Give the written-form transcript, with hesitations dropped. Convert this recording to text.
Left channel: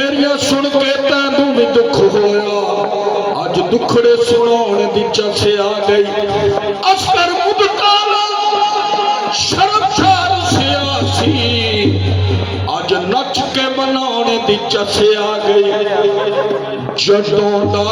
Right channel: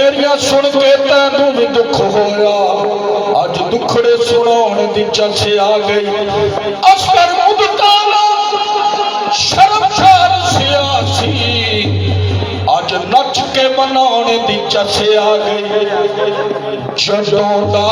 मेरिया सुन के तैनू भी दुख होया, अज दुखड़े सुनाने दी चस आ गई। असर मुदताना शर्मसार सियासी, अज नच के बनाने दी चस आ गई। जदों दा